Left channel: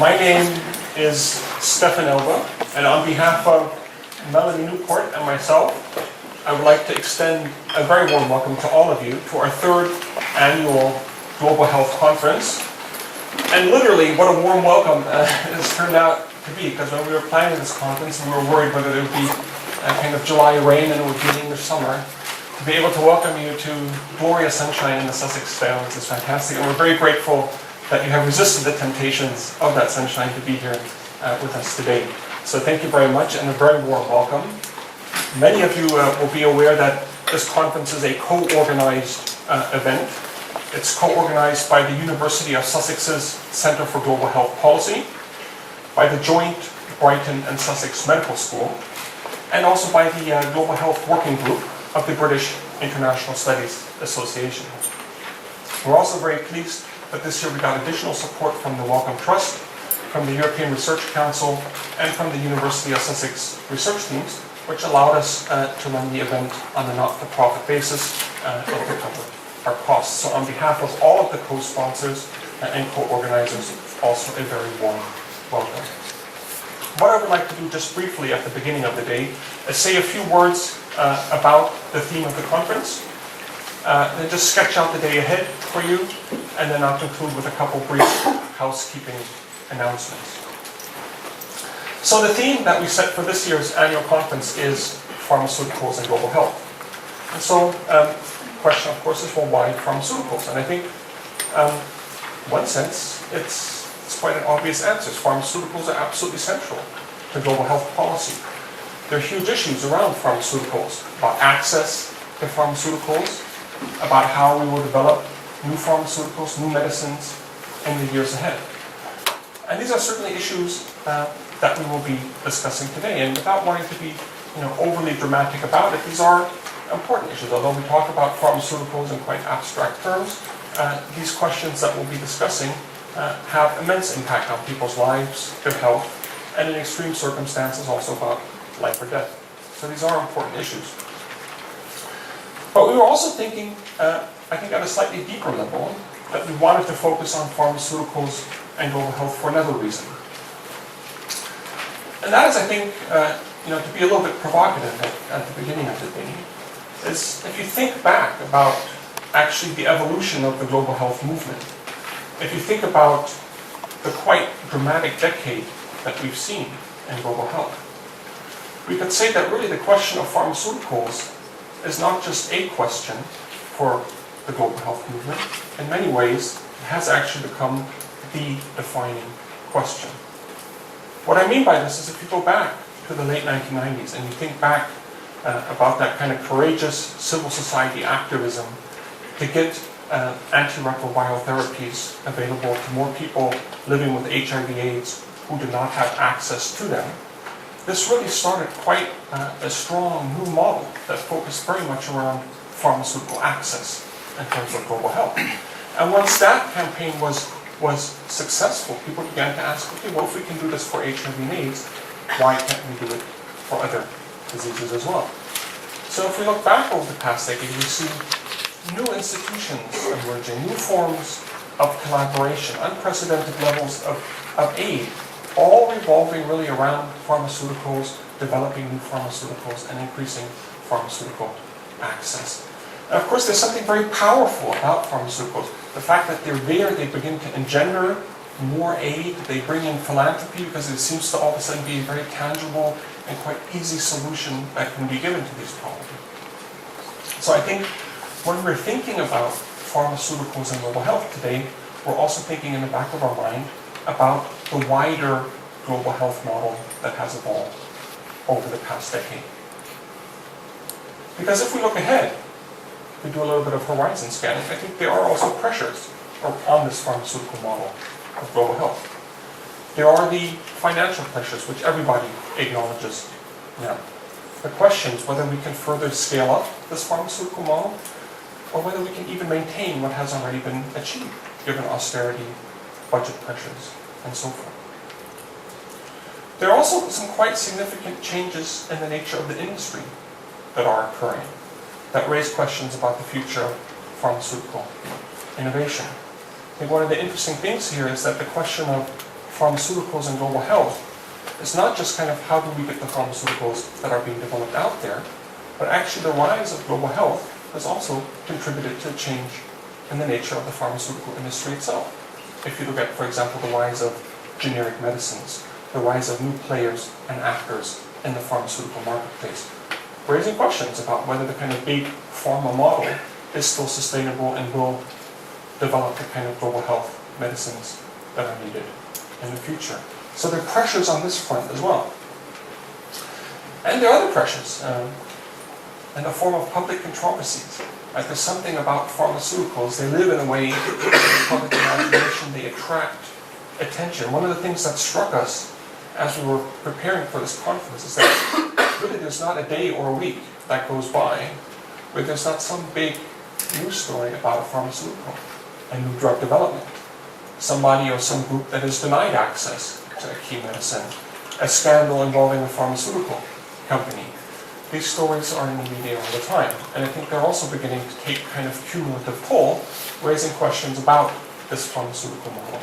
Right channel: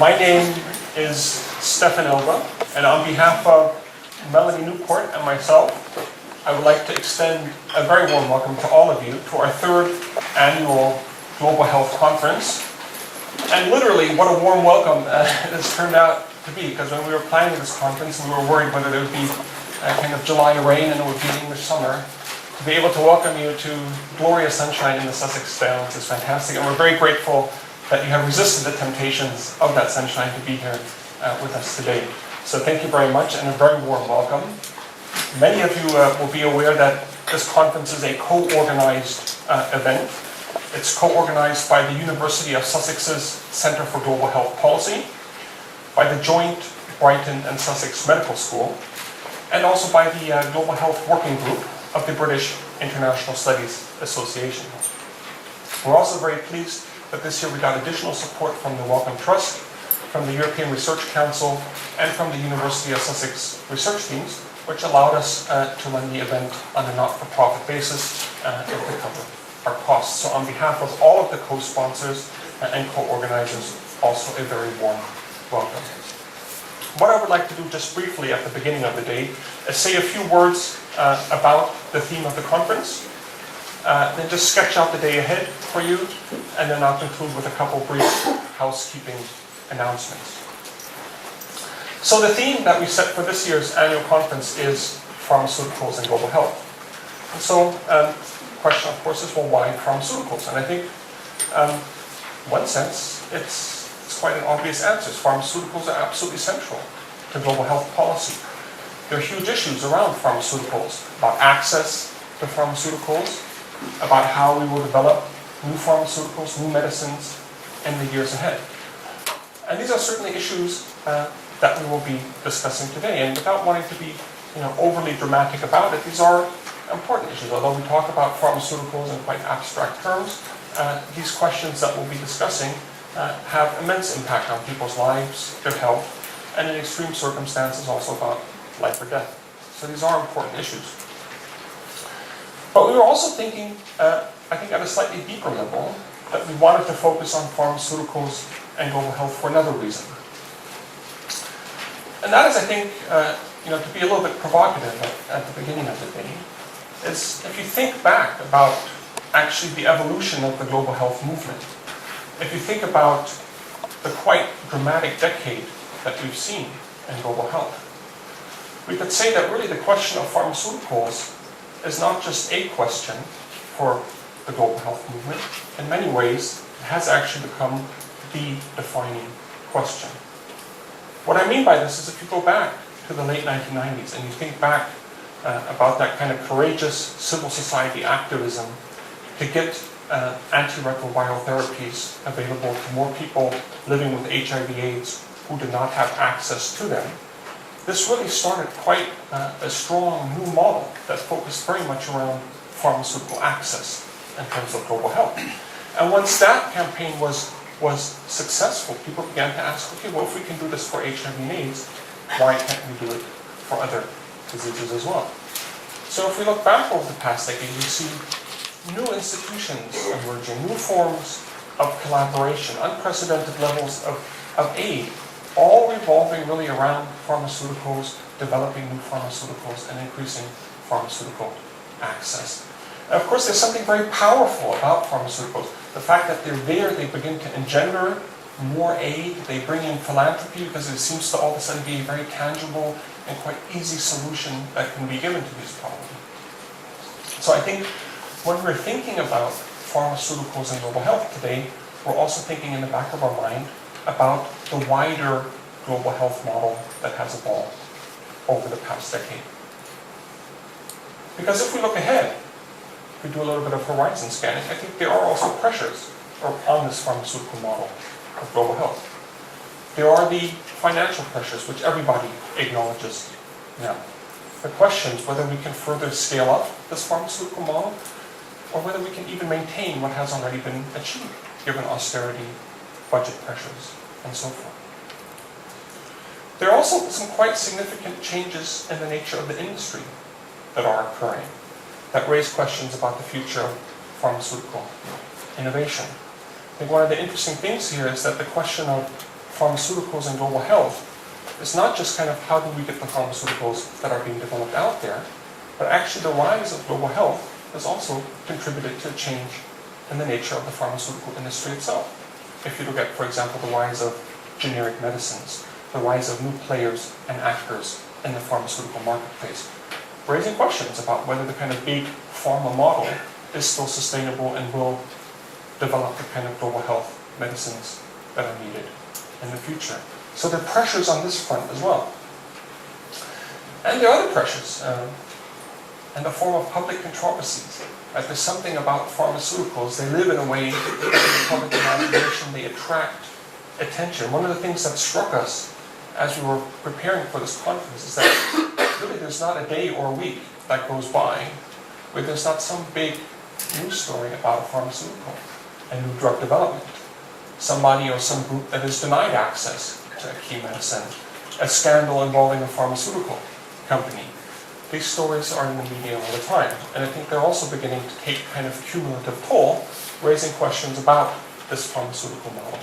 My name is Stefan Elbe, and on behalf of Melanie Newport and myself, I would like to extend a very warm welcome to all of you to our third annual Global Health Conference. And literally, what a warm welcome it has turned out to be, because when we were planning this conference, we were worried whether there would be a kind of July rain and it would be English summer. To be able to welcome you to glorious sunshine in the Sussex Downs is fantastic, and we're very grateful that you have resisted the temptations of that sunshine to be here with us today. So thank you very much, and a very warm welcome. Many of you will be aware that this conference is a co-organized event. It's co-organized by the University of Sussex's Centre for Global Health Policy, by the joint Brighton and Sussex Medical School, and also by the Global Health Working Group of the British International Studies Association. We're also very pleased that this year we got additional support from the Wellcome Trust, from the European Research Council, and from the University of Sussex research teams, which allowed us to run the event on a not-for-profit basis and to cover our costs. So on behalf of all of the co-sponsors and co-organizers, also a very warm welcome. What I would like to do just briefly at the beginning of the day is say a few words about the theme of the conference, then just sketch out the day ahead for you, and then I'll conclude with a couple brief housekeeping announcements. So the theme that we set for this year's annual conference is pharmaceuticals and global health. And so the question, of course, is, well, why pharmaceuticals? And I think, in one sense, it's quite an obvious answer. Pharmaceuticals are absolutely central to global health policy. There are huge issues around pharmaceuticals, about access to pharmaceuticals, about how we will develop new pharmaceuticals, new medicines in the years ahead. And these are certainly issues that we will be discussing today. And without wanting to be overly dramatic about it, these are important issues. Although we talk about pharmaceuticals in quite abstract terms, these questions that we'll be discussing have immense impact on people's lives, their health, and in extreme circumstances also about life or death. So these are important issues. But we were also thinking, I think at a slightly deeper level, that we wanted to focus on pharmaceuticals and global health for another reason. And that is, I think, to be a little bit provocative at the beginning of the day, is if you think back about actually the evolution of the global health movement, if you think about the quite dramatic decade that we've seen in global health, we could say that really the question of pharmaceuticals is not just a question for the global health movement. In many ways, it has actually become the defining question. What I mean by this is if you go back to the late 1990s and you think back about that kind of courageous civil society activism to get antiretroviral therapies available to more people living with HIV/AIDS who did not have access to them, this really started quite a strong new model that focused very much around pharmaceutical access in terms of global health. And once that campaign was successful, people began to ask, okay, well, if we can do this for HIV and AIDS, why can't we do it for other diseases as well? So if we look back over the past decade, we see new institutions emerging, new forms of collaboration, unprecedented levels of aid, all revolving really around pharmaceuticals, developing new pharmaceuticals, and increasing pharmaceutical access. And of course, there's something very powerful about pharmaceuticals. The fact that they're there, they begin to engender more aid, they bring in philanthropy because it seems to all of a sudden be a very tangible and quite easy solution that can be given to these problems. So I think when we're thinking about pharmaceuticals and global health today, we're also thinking in the back of our mind about the wider global health model that has evolved over the past decade. Because if we look ahead, if we do a little bit of horizon scanning, I think there are also pressures on this pharmaceutical model of global health. There are the financial pressures, which everybody acknowledges now. The questions whether we can further scale up this pharmaceutical model, or whether we can even maintain what has already been achieved, given austerity, budget pressures, and so forth. There are also some quite significant changes in the nature of the industry that are occurring that raise questions about the future of pharmaceutical innovation. I think one of the interesting things here is that the question of pharmaceuticals and global health is not just kind of how do we get the pharmaceuticals that are being developed out there, but actually the rise of global health has also contributed to a change in the nature of the pharmaceutical industry itself. If you look at, for example, the rise of generic medicines, the rise of new players and actors in the pharmaceutical marketplace, raising questions about whether the kind of big pharma model is still sustainable and will develop the kind of global health medicines that are needed in the future. So there are pressures on this front as well. And there are other pressures in the form of public controversies. Right? There's something about pharmaceuticals. They live in a way in the public imagination. They attract attention. One of the things that struck us as we were preparing for this conference is that really there's not a day or a week that goes by where there's not some big news story about a pharmaceutical, a new drug development, somebody or some group that is denied access to a key medicine, a scandal involving a pharmaceutical company. These stories are in the media all the time, and I think they're also beginning to take kind of cumulative toll, raising questions about this pharmaceutical model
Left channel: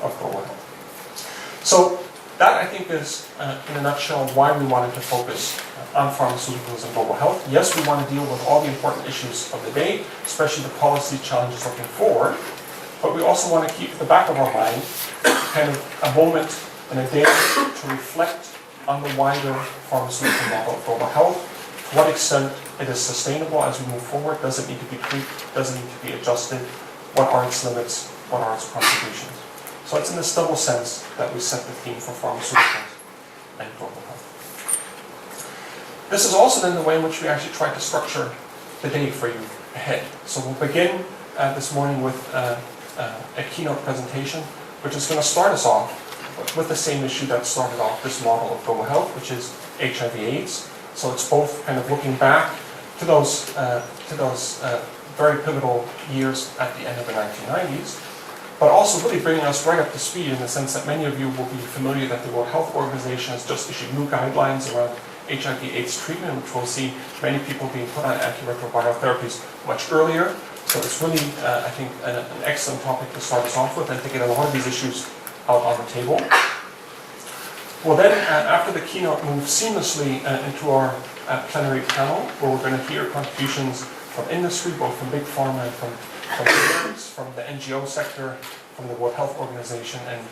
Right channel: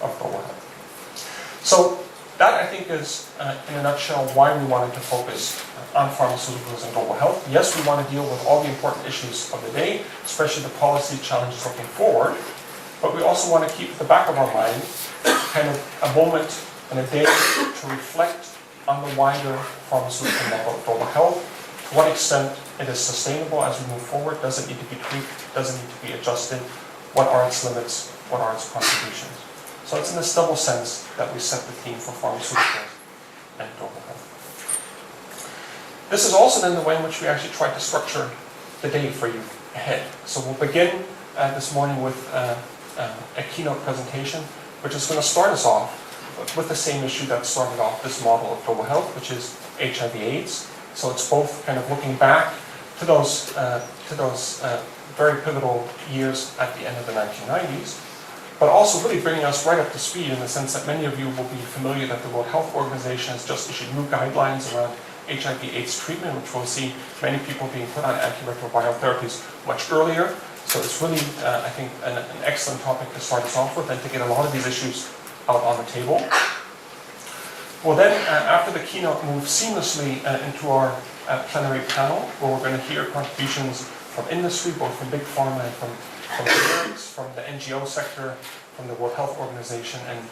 of global health. So that, I think, is, in a nutshell, why we wanted to focus on pharmaceuticals and global health. Yes, we want to deal with all the important issues of the day, especially the policy challenges looking forward, but we also want to keep at the back of our mind kind of a moment and a day to reflect on the wider pharmaceutical model of global health, to what extent it is sustainable as we move forward, does it need to be tweaked, does it need to be adjusted, what are its limits, what are its contributions. So it's in this double sense that we set the theme for pharmaceuticals and global health. This is also then the way in which we actually try to structure the day for you ahead. So we'll begin this morning with a keynote presentation, which is going to start us off with the same issue that started off this model of global health, which is HIV/AIDS. So it's both kind of looking back to those very pivotal years at the end of the 1990s, but also really bringing us right up to speed in the sense that many of you will be familiar that the World Health Organization has just issued new guidelines around HIV/AIDS treatment, which will see many people being put on antiretroviral therapies much earlier. So it's really, I think, an excellent topic to start us off with and to get a lot of these issues out on the table. We'll then, after the keynote, move seamlessly into our plenary panel, where we're going to hear contributions from industry, both from big pharma and from payers, from the NGO sector, from the World Health Organization, and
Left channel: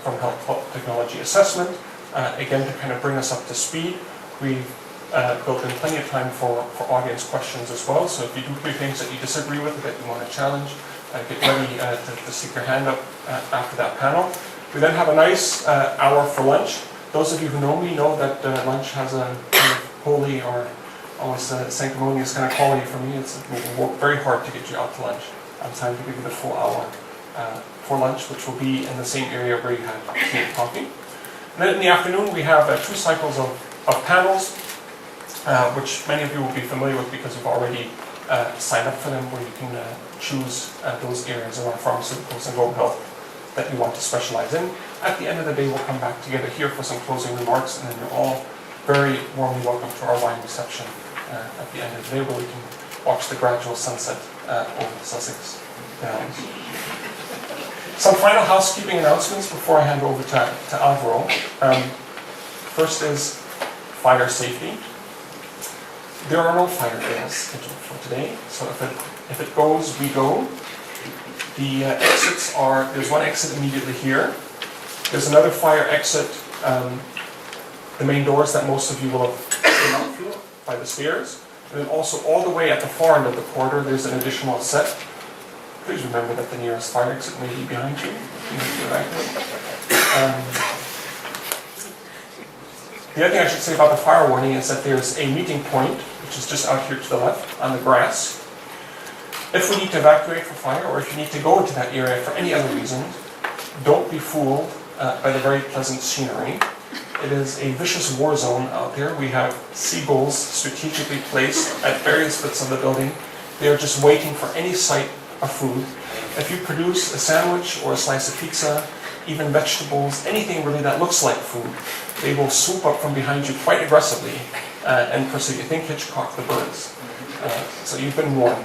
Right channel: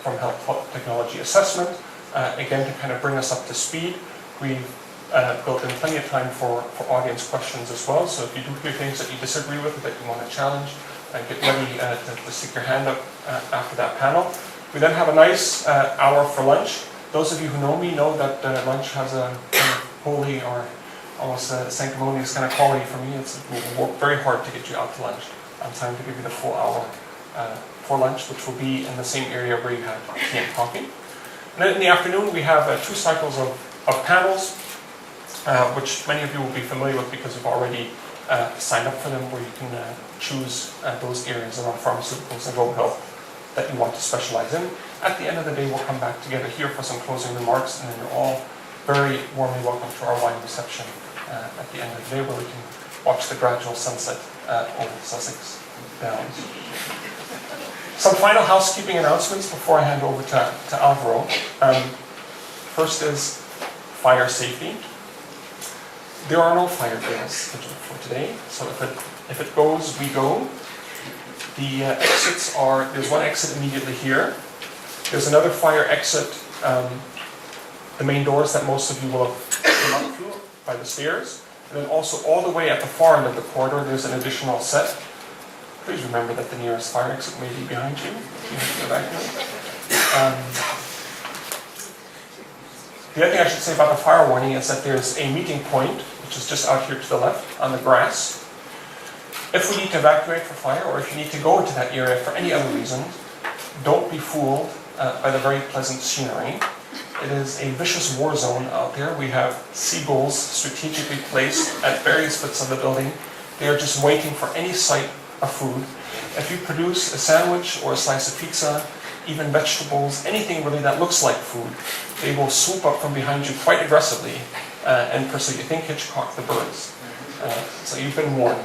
from Health Technology Assessment, again to kind of bring us up to speed. We've built in plenty of time for audience questions as well, so if you do hear things that you disagree with, that you want to challenge, get ready to stick your hand up after that panel. We then have a nice hour for lunch. Those of you who know me know that lunch has a kind of holy or almost sanctimonious kind of quality for me. We'll work very hard to get you out to lunch on time to give you the full hour for lunch, which will be in the same area where you had tea and coffee. And then in the afternoon, we have 2 cycles of panels, which many of you will be familiar with because you've already signed up for them, where you can choose those areas around pharmaceuticals and global health that you want to specialize in. At the end of the day, we'll come back together here for some closing remarks, and then you're all very warmly welcome to our wine reception at the end of the day, where we can watch the gradual sunset over Sussex Downs. Some final housekeeping announcements before I hand over to Alvaro. First is fire safety. There are no fire drills scheduled for today, so if it goes, we go. The exits are, there's one exit immediately here. There's another fire exit, the main doors that most of you will have come up through by the stairs. And then also all the way at the far end of the corridor, there's an additional set. Please remember that the nearest fire exit may be behind you. The other thing I should say about the fire warning is that there's a meeting point, which is just out here to the left on the grass. If we need to evacuate for fire, or if you need to go into that area for any other reason, don't be fooled by the very pleasant scenery. It is a vicious war zone out there. We have seagulls strategically placed at various bits of the building. They are just waiting for any sight of food. If you produce a sandwich or a slice of pizza, even vegetables, anything really that looks like food, they will swoop up from behind you quite aggressively and pursue you. Think Hitchcock the birds. So you've been warned.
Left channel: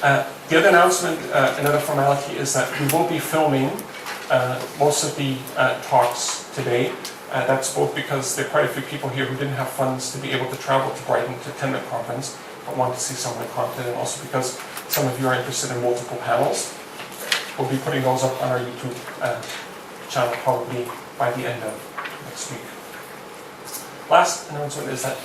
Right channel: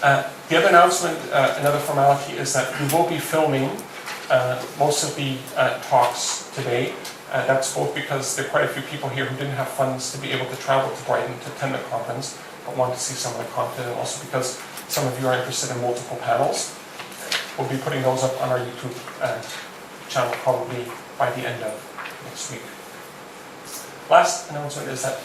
The other announcement, another formality, is that we will be filming most of the talks today. That's both because there are quite a few people here who didn't have funds to be able to travel to Brighton to attend the conference, but want to see some of the content, and also because some of you are interested in multiple panels. We'll be putting those up on our YouTube channel probably by the end of next week. Last announcement is that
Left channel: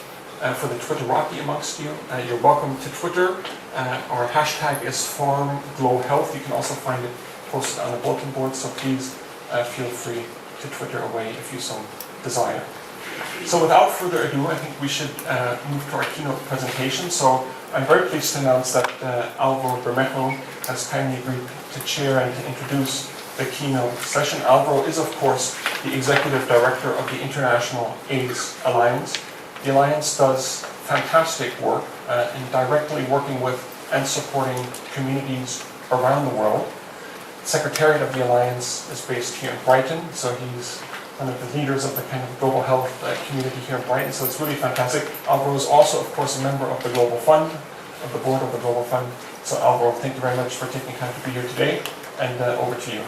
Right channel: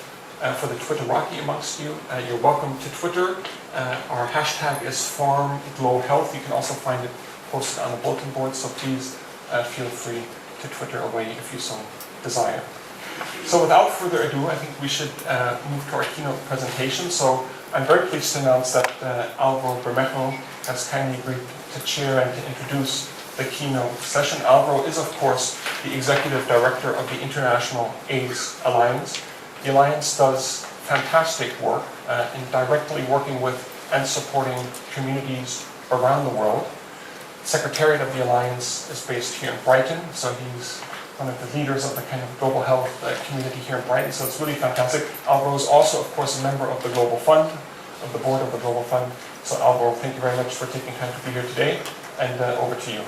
for the Twitterati amongst you, you're welcome to Twitter. Our hashtag is FarmGlowHealth. You can also find it posted on the bulletin board, so please feel free to Twitter away if you so desire. So without further ado, I think we should move to our keynote presentation. So I'm very pleased to announce that Alvaro Bermejo has kindly agreed to chair and to introduce the keynote session. Alvaro is, of course, the Executive Director of the International AIDS Alliance. The Alliance does fantastic work in directly working with and supporting communities around the world. The Secretariat of the Alliance is based here in Brighton, so he's one of the leaders of the kind of global health community here in Brighton, so it's really fantastic. Alvaro is also, of course, a member of the Global Fund, of the board of the Global Fund. So Alvaro, thank you very much for taking time to be here today, and over to you.